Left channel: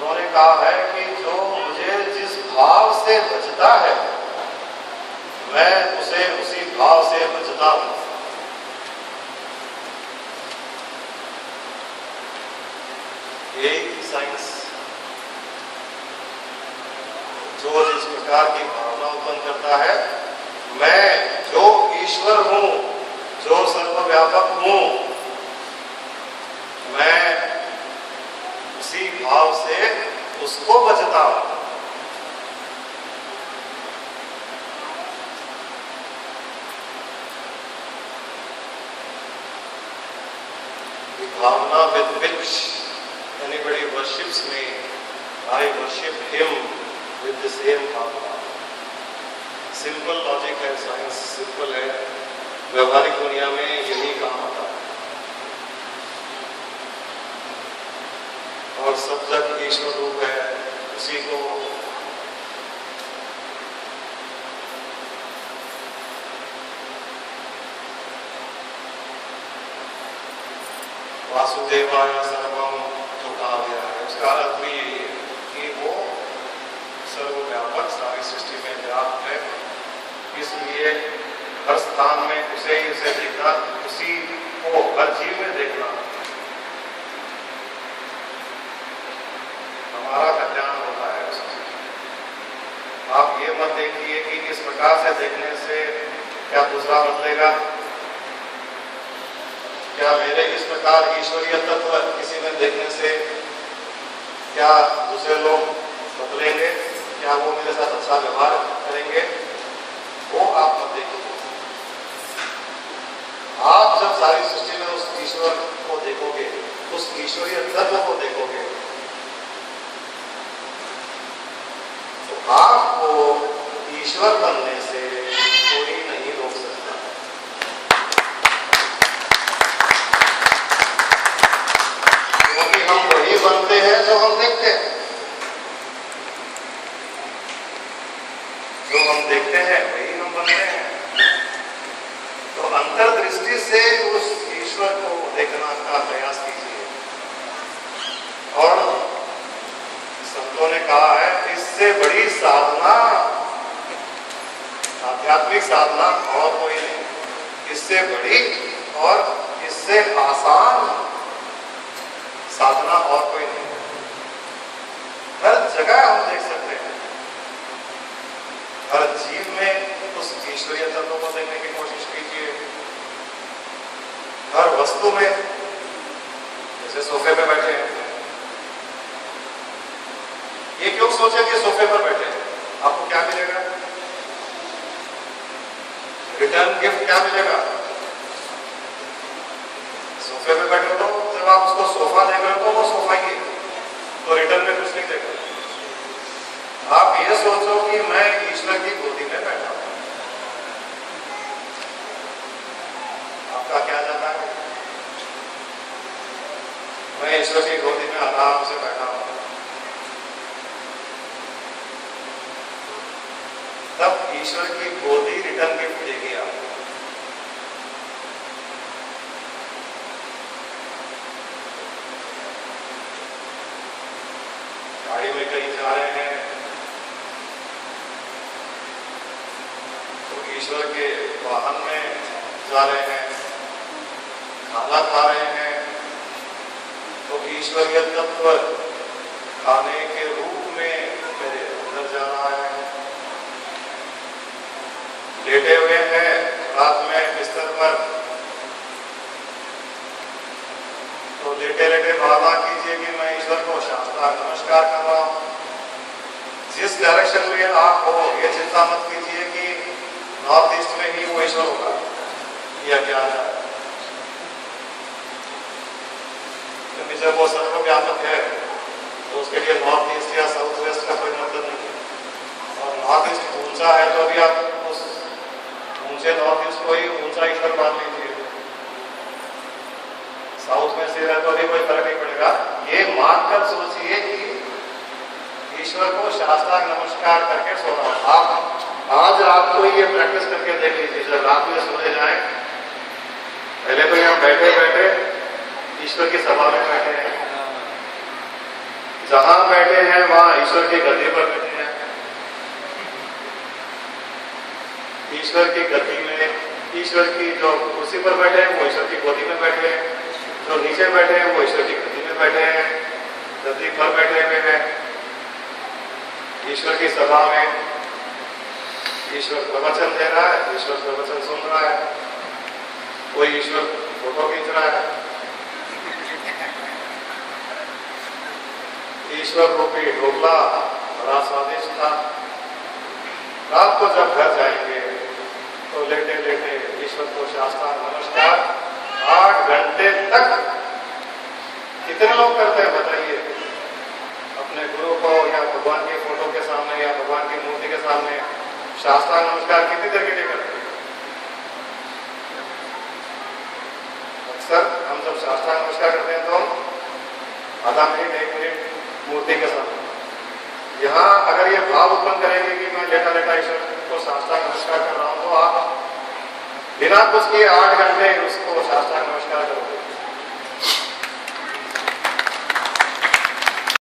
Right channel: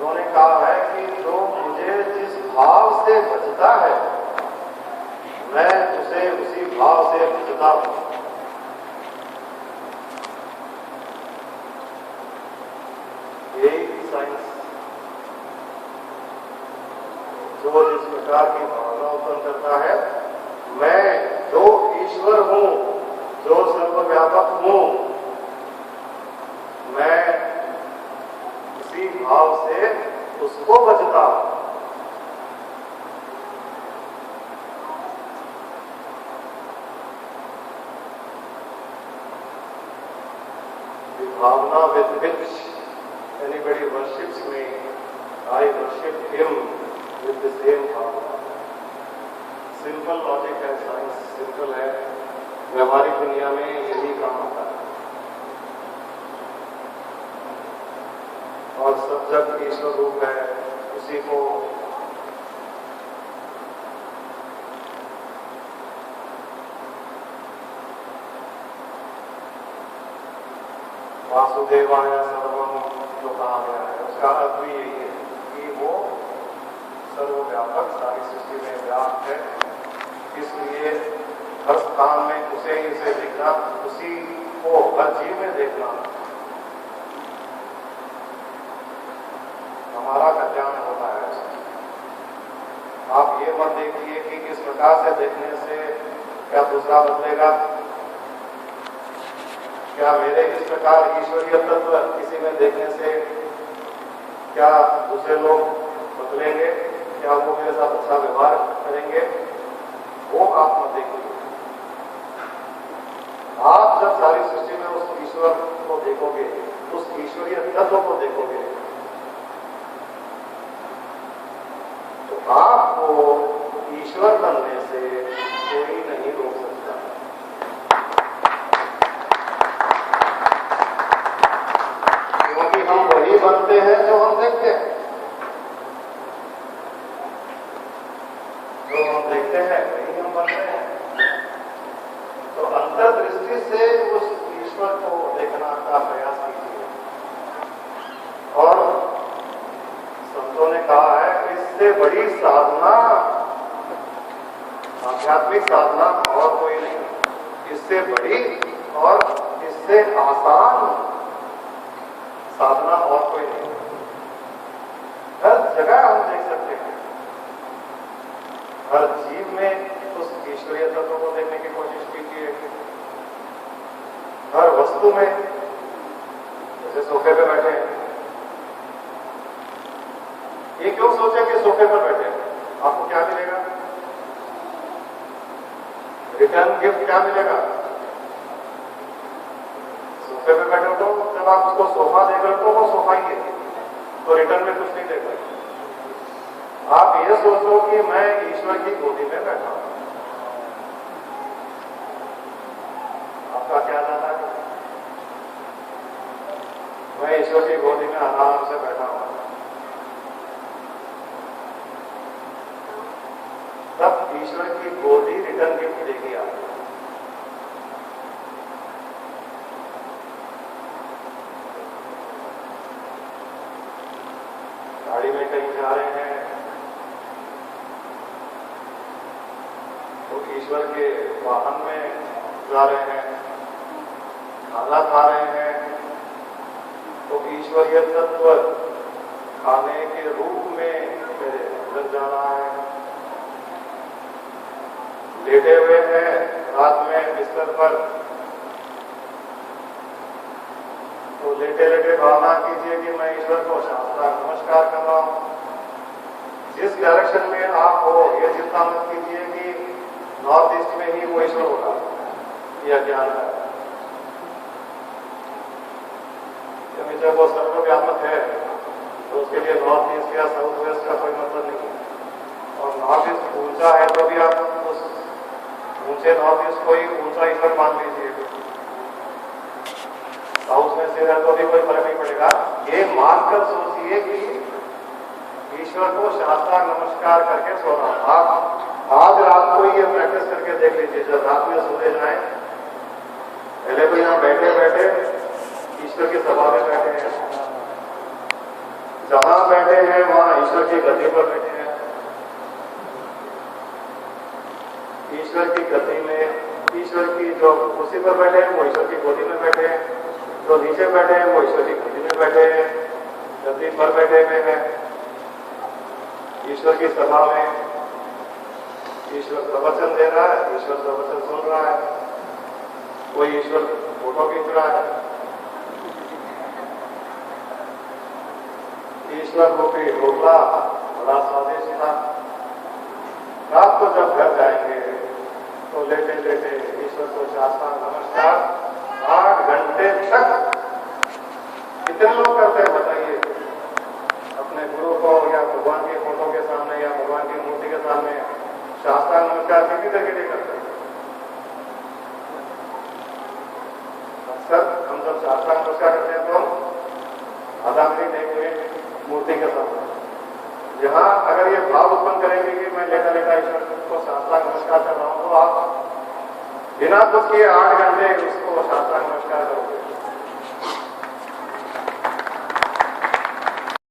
उन्होंने कहा है कि जो मुझे जिस भाव से भजता है मैं उसे उसी भाव से भजता हूं। यही साइंस, जो जिस प्रकार की भावना उत्पन्न करता है, मैं जो ईश्वर हूं, जो सर्वव्यापक हूं, मैं उसी भाव से उसको भजता हूं। भावना with which anybody worships me, I worship him with the same भावना। सिंपल लॉजिक है, साइंस सिंपल है, व्यवहारिक दुनिया में यही काम आता है। और सब जग ईश्वर रूप है, उसी को वासुदेवाय सर्वम जो कहा गया है, उसका अर्थ भी यही है कि वो सर्वव्यापक सारी सृष्टि में व्याप्त है, इसलिए हर स्थान में उसे ही उसे देखना, उसी को हर जीव में देखना हमारा कल्याण होता है उससे। आप ये मत देखिए कि इस प्रकार से देखने से क्या दूसरा बदलेगा, क्या मेरे इस प्रकार ईश्वरीय तत्व किसी में देखने से क्या दूसरे लोग बदलेंगे, क्या वो मेरे साथ अच्छा व्यवहार करेंगे, वो आप मत देखिए। आप जब सारी सृष्टि में उस ईश्वर को देखोगे, उस ईश्वरीय तत्व को देखोगे, तो आपको ईश्वर बनने से कोई नहीं रोक सकता। क्योंकि हम वही बनते हैं जो हम देखते हैं, जो हम देखते हैं वही हम बनते हैं। तो अंतर्दृष्टि से उस ईश्वर को देखना का प्रयास कीजिए। और संतों ने कहा है, इससे बड़ी साधना, आध्यात्मिक साधना और कोई नहीं, इससे बड़ी और इससे आसान साधना और कोई नहीं। हर जगह हम देख सकते हैं, हर जीव में उस ईश्वरीय तत्व को देखने की कोशिश कीजिए। हर वस्तु में, जैसे सोफे पे बैठे हैं, ये क्यों सोचे कि सोफे पर बैठे हैं, आपको क्या मिलेगा, रिटर्न गिफ्ट क्या मिलेगा। सोफे पे बैठे हो तो जब आप उसको सोफा देख रहे हो तो वो सोफा ही है, तो रिटर्न में कुछ नहीं देगा। आप ये सोचो कि मैं ईश्वर की गोदी में बैठा हूं, आपका क्या जाता है, मैं ईश्वर की गोदी में आराम से बैठा हूं। तब ईश्वर की गोदी रिटर्न गिफ्ट देगी आपको। गाड़ी में कहीं जा रहे हैं तो ईश्वर के वाहन में जा रहे हैं, खाना खा रहे हैं तो ईश्वरीय तत्व खाने के रूप में मेरे अंदर जा रहा है। लेटे हुए हैं रात में बिस्तर पर, तो लेटे लेटे भावना कीजिए कि मैं ईश्वर को शास्त्रांग नमस्कार कर रहा हूं। जिस डायरेक्शन में आप हो, ये चिंता मत कीजिए कि नॉर्थ ईस्ट में ही वो ईश्वर होगा, यह ज्ञान है। क्योंकि जब वो सर्वव्यापक है तो उसके लिए नॉर्थ ईस्ट या साउथ वेस्ट का कोई मतलब नहीं है। और नॉर्थ ईस्ट ऊंचा है तो भी आप उस ऊंचे नॉर्थ ईस्ट को ही ऊंचा ईश्वर मान लीजिए, साउथ में से है तो अभी कोई फर्क नहीं पड़ेगा। ये मानकर सोचिए कि ईश्वर को शास्त्रांग नमस्कार करके सोना। आप आज रात को ये प्रैक्टिस करके देख लीजिए, जब रात में सोने जाए, पहले तो यहाँ बैठे बैठे ईश्वर की सभा में बैठे हैं, जहां बैठे हैं वहां ईश्वर की गद्दी पर बैठे हैं। ईश्वर की गद्दी में, ईश्वर की जो कुर्सी पर बैठे हैं वो ईश्वर की गोदी में बैठे हैं, जो नीचे बैठे हैं वो ईश्वर की गद्दी में बैठे हैं, गद्दी पर बैठे हुए हैं। ईश्वर की सभा में ईश्वर प्रवचन दे रहा है, ईश्वर प्रवचन सुन रहा है, कोई ईश्वर फोटो खींच रहा है। ईश्वर रूपी ढोकला बड़ा स्वादिष्ट था। रात को जब घर जाएंगे तो लेटे लेटे ईश्वर को साष्टांग नमस्कार 8 घंटे तक कितने लोग करते हैं बताइए? अपने गुरु को या भगवान की फोटो के सामने या भगवान की मूर्ति के सामने साष्टांग नमस्कार कितनी देर के लिए करते हैं? अक्सर हम जब साष्टांग नमस्कार करते हैं तो आधा मिनट 1 मिनट मूर्ति के सामने। यहाँ अगर ये भाव उत्पन्न करेंगे कि मैं लेटा लेटा ईश्वर को साष्टांग नमस्कार कर रहा हूं, तो आप बिना कुछ किए 8 घंटे उसको साष्टांग नमस्कार करोगे।